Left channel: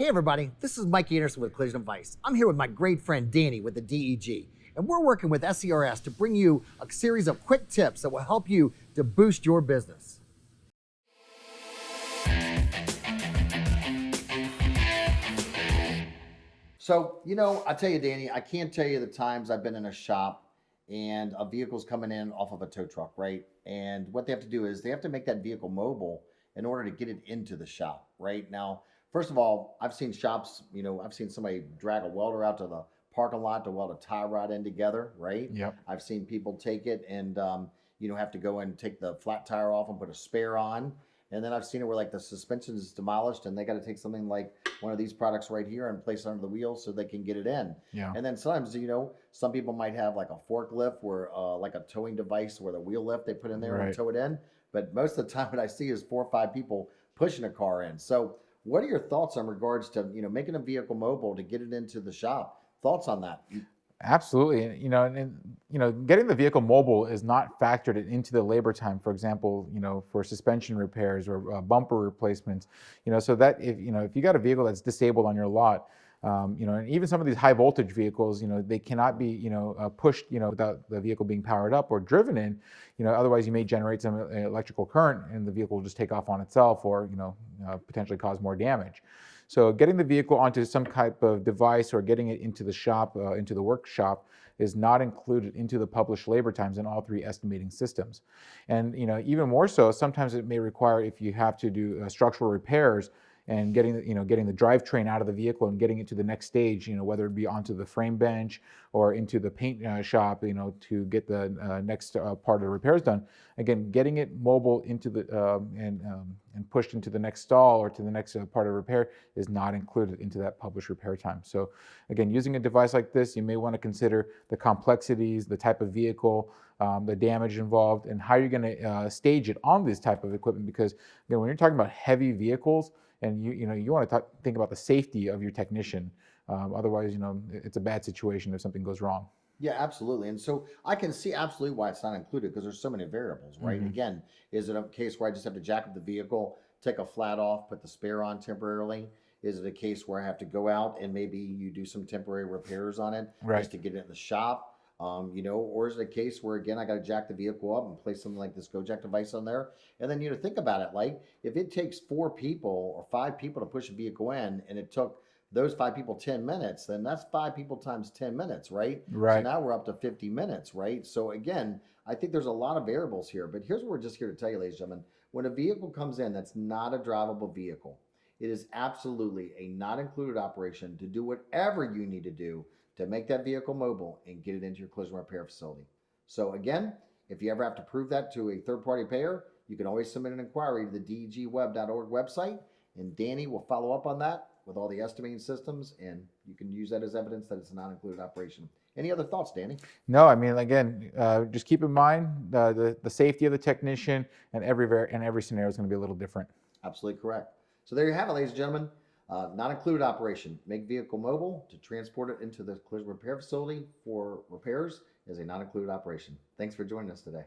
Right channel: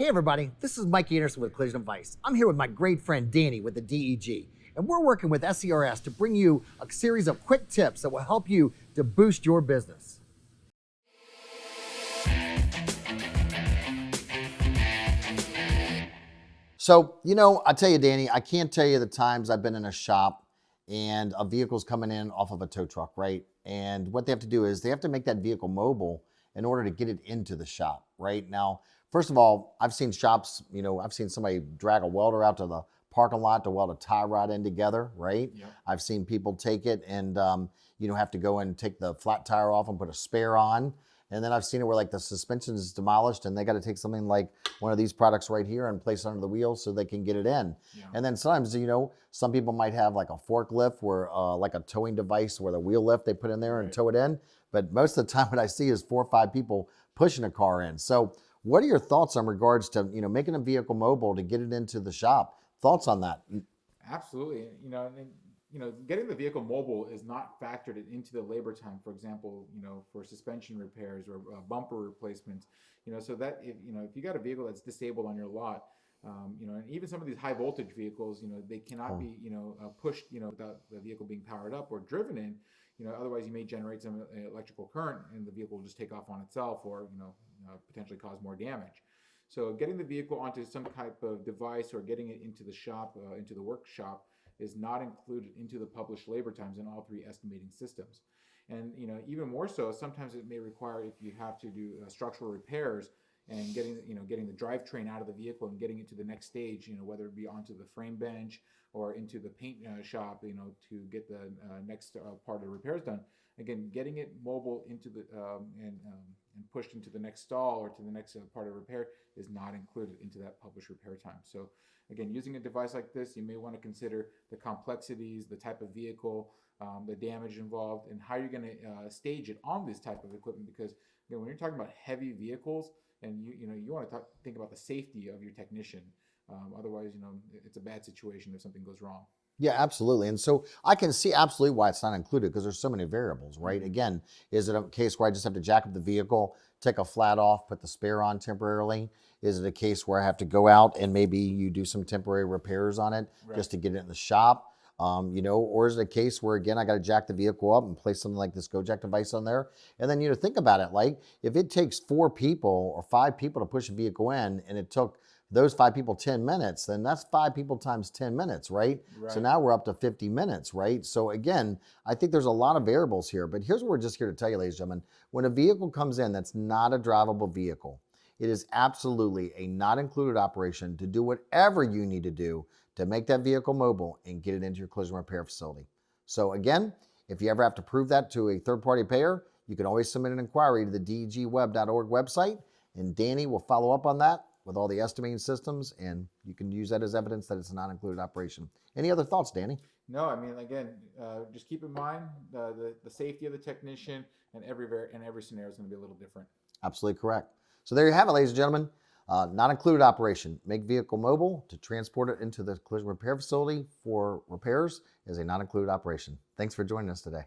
Hey everybody, this is Mike Anderson with Collision Advice. I'm here with my great friend Danny with the DEG, and we're working with SCRS to bring you a series of quick tips that will help you to boost your business. So, I tell you, Danny, I can't tell you the times I've been in a shop and a vehicle's coming in off of a tow truck, right? And what they have to do is they have to make that vehicle mobile in order to get it into the shop, right? Now, first of all, I've seen shops, I've seen somebody drag a welder out to the parking lot to weld a tie rod in together, right? Yep. I've seen people take it and, have to go and take the flat tire off and put a spare on. And then I've seen it where like the suspension is demolished and they got to take something like one of these products right here and place it under the wheel so they can get it in. Yeah. And then sometimes, some people might have like a forklift where like a towing device where the wheel lift they put in there and tow it in. But most of the time what I see is 4 or 5 people pushing a car in. So what are your thoughts on regards to, making a vehicle mobile to get it into the shop? Thoughts on that? Absolutely. Getting the vehicle mobile is not factored into the labor time, for example, for suspension repairs or bumper replacements, so that if you got a vehicle that's disabled on your lot, and even some of these high voltage vehicles, they cannot be, pushed, without the vehicle being powered up or driven in, otherwise you may generate some electrical current and the vehicle will just take off on itself or, potentially cause more damage. So getting the vehicle onto some type of device or getting it into the shop, into the workshop, is not included into the published labor times in all 3 estimating systems. And even more so, sometimes it may require, if you have to do structural repairs and getting the drivetrain out of the vehicle and getting it to the next stage, whether it be onto the frame bench or into the paint shop, to get the next part of the repairs done. Again, getting it mobile into the and pushed into the next stall or to the next part of repair is not included into that published repair time. So again, using a device like this, you may want to consider the complexities, the type of vehicle, the damage involved, and how you're going to stage it on this type of equipment. Because when you're talking about heavy vehicles, and you want to think about the safety of your technician. Otherwise, it's a bad situation if something goes wrong. Yeah, absolutely. And so I can see absolutely why it's not included because there's so many variables, right? Mm-hmm. Again, is it a case where I just have to jack up the vehicle, take a flat off, put the spare on temporarily? Is it a case where I have to go out and maybe you do some temporary repairs on it just to get it in the shop? Or is it a case where, again, I got to jack the vehicle up and place something like this GoJack device on there? And then, think about it, like if it takes 4 people or 5 people to push a vehicle in and it took those 5 people 10 minutes, then that's 5 people times 10 minutes, right? So now we're up to 50 minutes, right? So again, I think there's a lot of variables here, but here's what we're just here to tell you, ladies and gentlemen. When a vehicle comes in that's not a drivable vehicle, it is absolutely a not included operation to do whatever you need to do to make that vehicle mobile and get it into your collision repair facility. So again, if you ever have to prove that to a third-party payer, you can always submit an inquiry to the degweb.org website, and Danny will follow up on that with all the estimating systems, and you can use that as evidence that it's a non-included operation. Any other thoughts, Danny? No, I mean, again, just keep in mind the safety of the technician, and every scenario is going to be a little different. Absolutely correct. So there you have it, ladies and gentlemen. Not included operation. Make vehicle mobile to transport it into the collision repair facility for repairs is a not included operation. Thanks for joining us today.